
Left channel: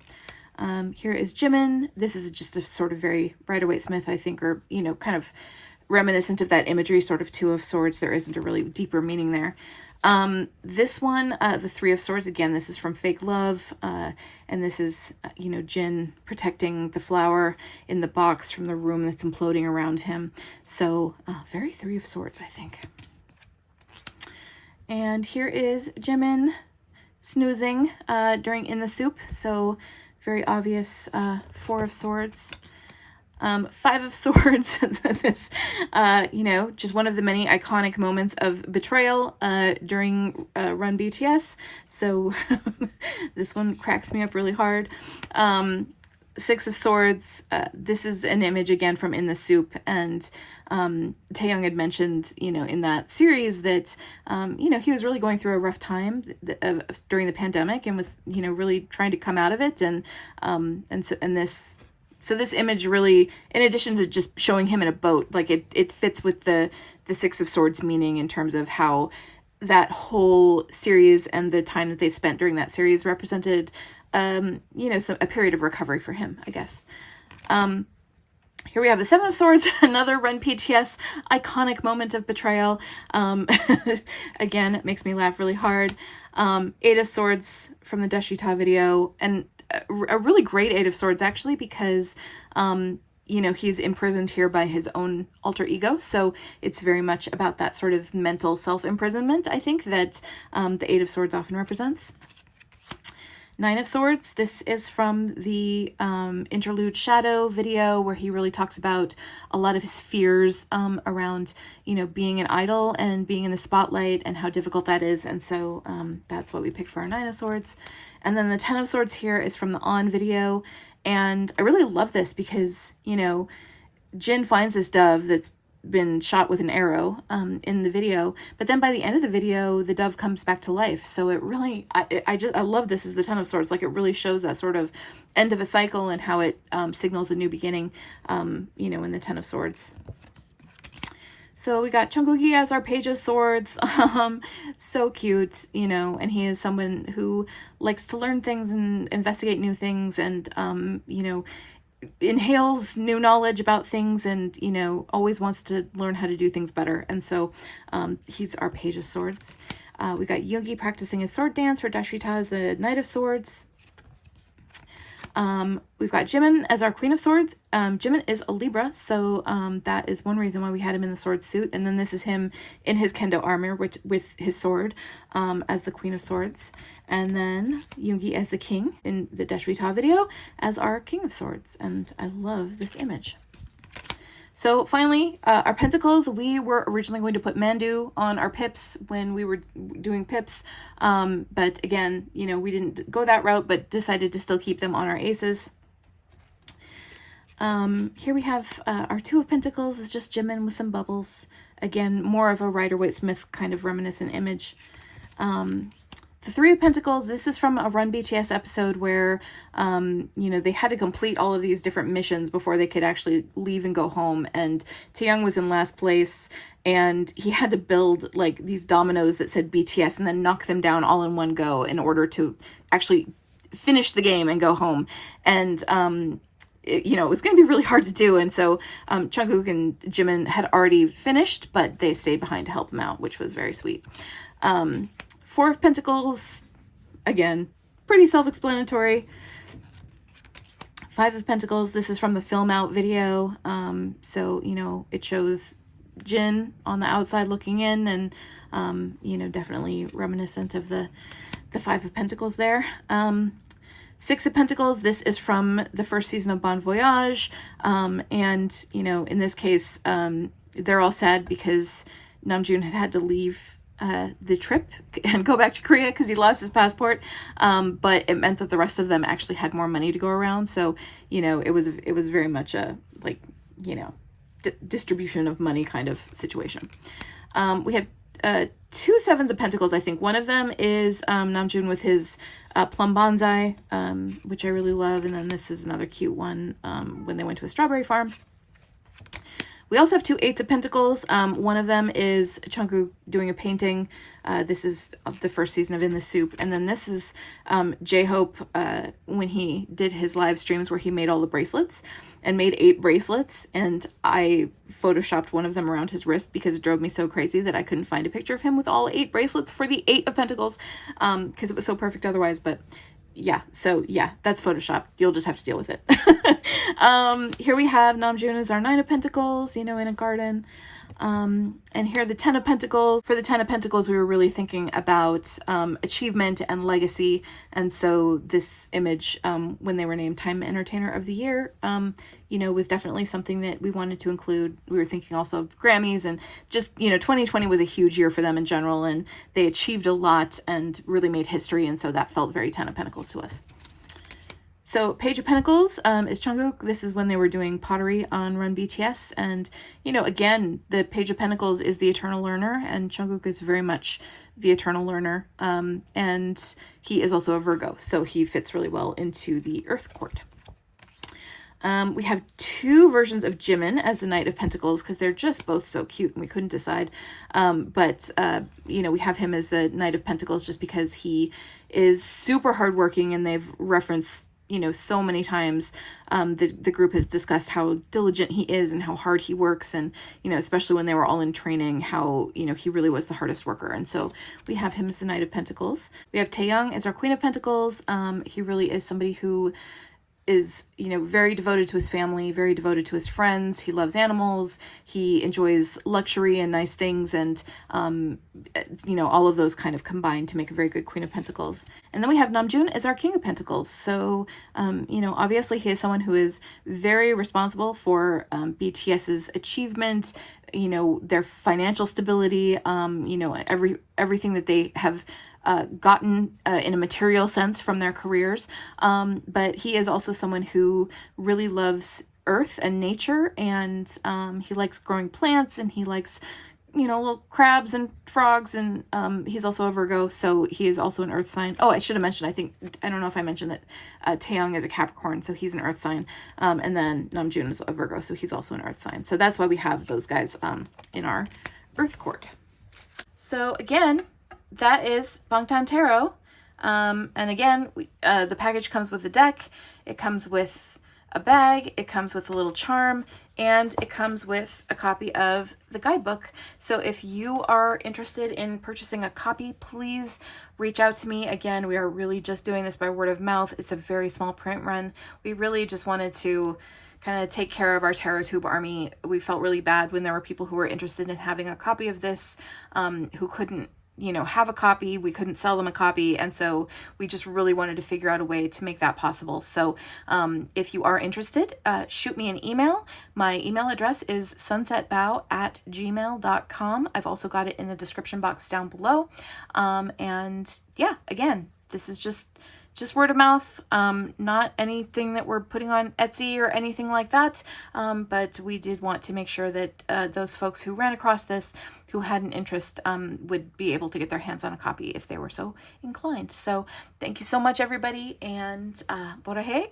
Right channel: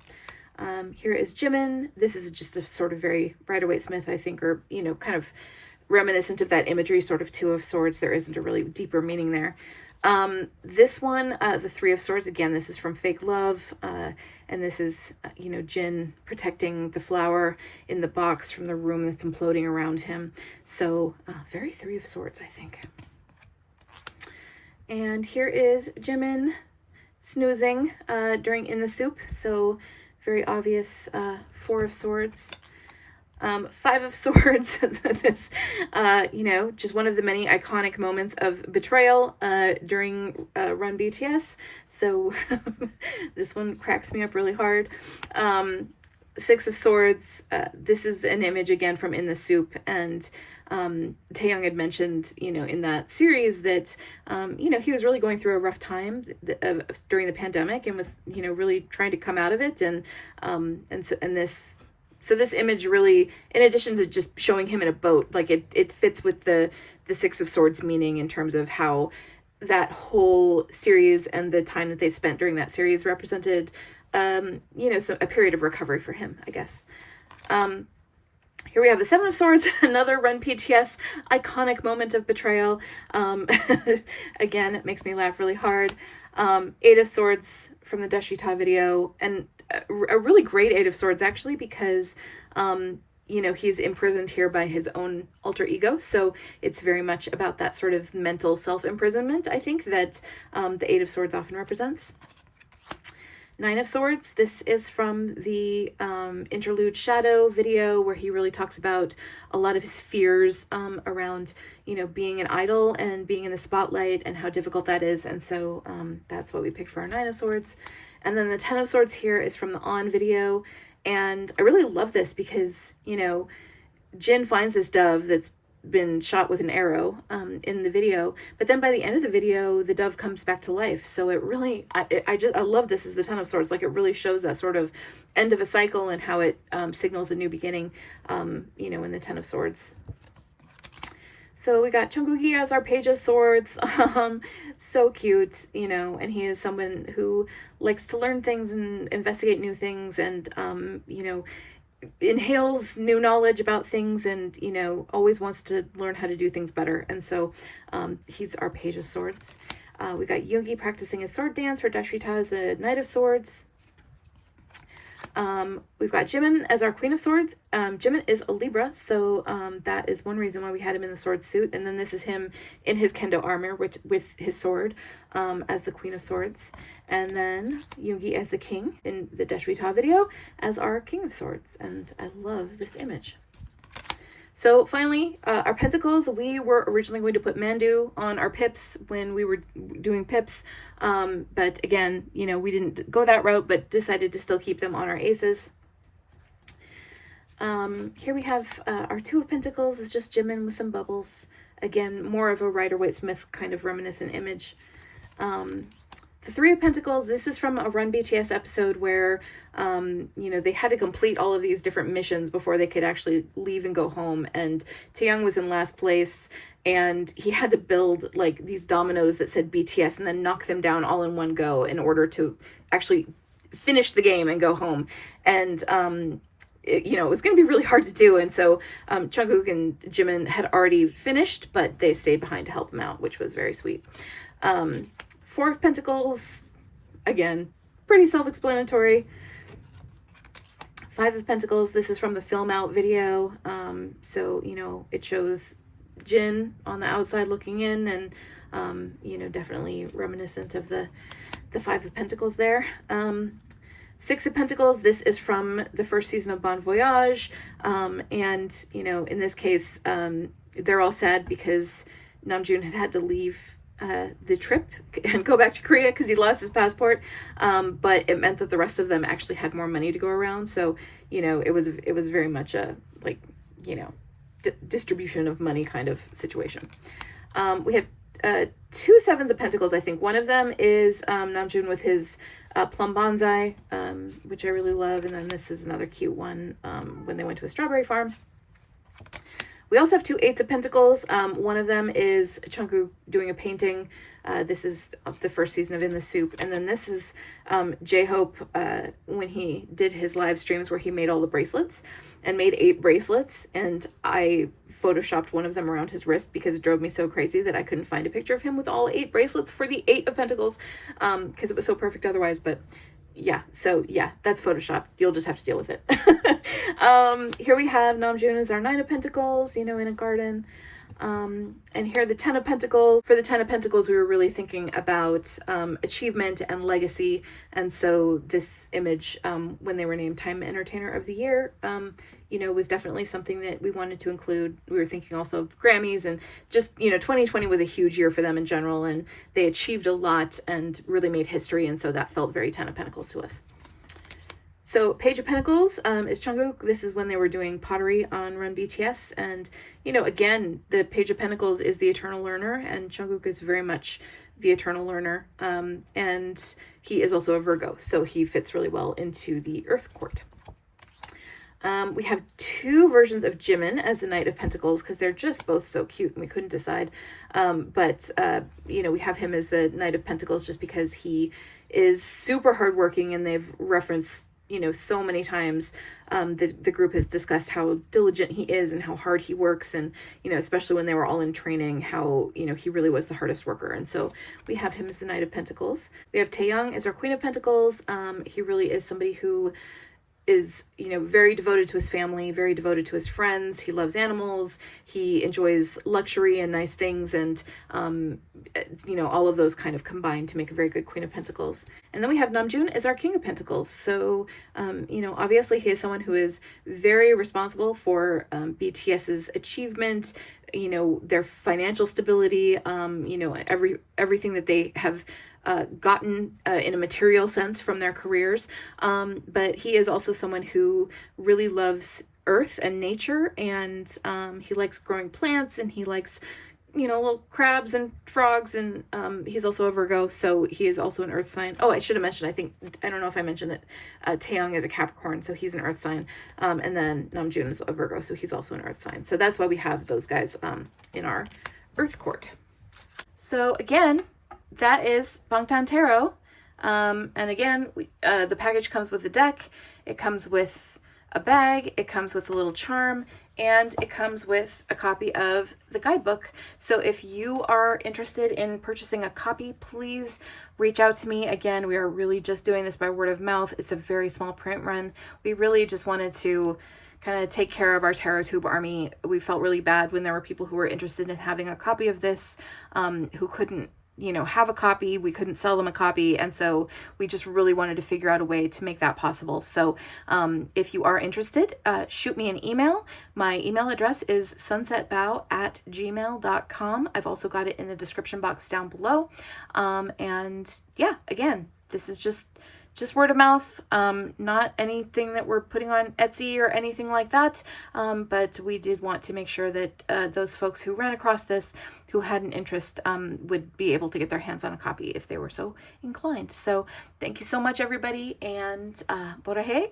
Here is Jimin. This is just a sort of very Rider-Waite-Smith, I think, or, you know, kind of reminiscent of that imagery, sort of Two of Swords. There isn't a really deeper meaning there. This one, the Three of Swords, again, this is from Fake Love, and this is, you know, Jin protecting the flower in the box from the room that's imploding around him. So, very Three of Swords, I think. And here is Jimin snoozing in the soup, so very obvious Four of Swords. Five of Swords, this, you know, just one of the many iconic moments of betrayal during Run BTS. So this one cracks me up really hard. Six of Swords, this is an image again from In the Soup, and Taehyung had mentioned, you know, in that series that, you know, he was really going through a rough time during the pandemic and was, you know, really trying to come out of it. So this image really, in addition to just showing him in a boat, like it fits with the Six of Swords meaning in terms of how that whole series and the time that they spent during that series represented, you know, a period of recovery for him, I guess. Here we have the Seven of Swords, another Run BTS iconic moment of betrayal. Again, it makes me laugh really hard. Eight of Swords from the Dashita video, and a really great Eight of Swords, actually, because, you know, he's imprisoned here by his own alter ego. So it's very much about that sort of mental self-imprisonment, I think, that the Eight of Swords often represents. Nine of Swords, this is from the Interlude Shadow video, where he really talks about a lot of his fears around, you know, being an idol and being in the spotlight and how difficult that is. And so that's what we picked for our Nine of Swords. And then the Ten of Swords here is from the On video. And I really love this because, you know, Jin finds this dove that's been shot with an arrow in the video, but then by the end of the video the dove comes back to life. So it really, I love this as the Ten of Swords. Like, it really shows that sort of end of a cycle and how it signals a new beginning, you know, in the Ten of Swords. So we got Jungkook as our Page of Swords. So cute, you know, and he is someone who likes to learn things and investigate new things, and you know, inhales new knowledge about things, and, you know, always wants to learn how to do things better. And so he's our Page of Swords. We got Yoongi practicing his sword dance for Dashita as the Knight of Swords. We've got Jimin as our Queen of Swords. Jimin is a Libra, so that is one reason why we had him in the sword suit. And then this is him in his kendo armor with his sword as the Queen of Swords. And then Yoongi as the King in the Dashita video as our King of Swords. And I love this image. So finally, our Pentacles, we were originally going to put Mandu on our pips when we were doing pips. But again, you know, we didn't go that route, but decided to still keep them on our aces. Here we have our Two of Pentacles is just Jimin with some bubbles. Again, more of a Rider-Waite-Smith kind of reminiscent image. The Three of Pentacles, this is from a Run BTS episode where, you know, they had to complete all of these different missions before they could actually leave and go home. And Taehyung was in last place, and he had to build like these dominoes that said BTS and then knock them down all in one go in order to actually finish the game and go home. And, you know, it was going to be really hard to do. And so Jungkook and Jimin had already finished, but they stayed behind to help him out, which was very sweet. Four of Pentacles, again, pretty self-explanatory. Five of Pentacles, this is from the Film Out video. So, you know, it shows Jin on the outside looking in, and, you know, definitely reminiscent of the Five of Pentacles there. Six of Pentacles, this is from the first season of Bon Voyage. And, you know, in this case, they're all sad because Namjoon had to leave the trip and go back to Korea because he lost his passport, but it meant that the rest of them actually had more money to go around. So, you know, it was very much a, like, you know, distribution of money kind of situation. We have two Sevens of Pentacles. I think one of them is Namjoon with his plum bonsai, which I really love, and then this is another cute one when they went to a strawberry farm. We also have two Eights of Pentacles. One of them is Jungkook doing a painting. This is the first season of In the Soup. And then this is J-Hope when he did his live streams where he made all the bracelets and made 8 bracelets. And I photoshopped one of them around his wrist because it drove me so crazy that I couldn't find a picture of him with all 8 bracelets for the 8 of Pentacles because it was so perfect otherwise. But yeah, so yeah, that's Photoshop. You'll just have to deal with it. Here we have Namjoon as our 9 of Pentacles, you know, in a garden. And here the 10 of Pentacles. For the 10 of Pentacles, we were really thinking about achievement and legacy. And so this image, when they were named Time Entertainer of the Year, you know, was definitely something that we wanted to include. We were thinking also of Grammys and just, you know, 2020 was a huge year for them in general, and they achieved a lot and really made history. And so that felt very 10 of Pentacles to us. So Page of Pentacles is Jungkook. This is when they were doing pottery on Run BTS. And, you know, again, the Page of Pentacles is the eternal learner, and Jungkook is very much the eternal learner. And he is also a Virgo, so he fits really well into the Earth Court. We have 2 versions of Jimin as the Knight of Pentacles because they're just both so cute and we couldn't decide. You know, we have him as the Knight of Pentacles just because he is super hardworking, and they've referenced, you know, so many times the group has discussed how diligent he is and how hard he works, and, you know, especially when they were all in training, how, you know, he really was the hardest worker. And so we have him as the Knight of Pentacles. We have Taeyong as our Queen of Pentacles. He really is somebody who is, you know, very devoted to his family, very devoted to his friends. He loves animals. He enjoys luxury and nice things, and, you know, all of those kind of combine to make a very good Queen of Pentacles. And then we have Namjoon as our King of Pentacles. So, you know, obviously he is someone who is very responsible for BTS's achievement, you know, their financial stability, you know, everything that they have gotten in a material sense from their careers. But he is also someone who really loves earth and nature, and he likes growing plants, and he likes, you know, little crabs and frogs, and he's also a Virgo, so he is also an earth sign. Oh, I should have mentioned, I don't know if I mentioned that Taeyong is a Capricorn, so he's an earth sign, and then Namjoon is a Virgo, so he's also an earth sign. So that's why we have those guys in our Earth Court. So again, that is Bangtan Tarot. And again, the package comes with a deck, it comes with a bag, it comes with a little charm, and it comes with a copy of the guidebook. So if you are interested in purchasing a copy, please reach out to me. Again, we are really just doing this by word of mouth. It's a very small print run. We really just wanted to kind of take care of our Tarot Tube army. We felt really bad when there were people who were interested in having a copy of this, who couldn't, you know, have a copy. We couldn't sell them a copy, and so we just really wanted to figure out a way to make that possible. So if you are interested, shoot me an email. My email address is sunsetbow@gmail.com. I've also got it in the description box down below. And yeah, again, this is just word of mouth, not anything that we're putting on Etsy or anything like that. But we did want to make sure that those folks who ran across this, who had an interest, would be able to get their hands on a copy if they were so inclined. So thank you so much, everybody, and borahe,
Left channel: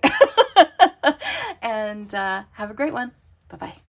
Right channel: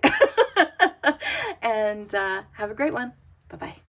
and have a great one. Bye-bye.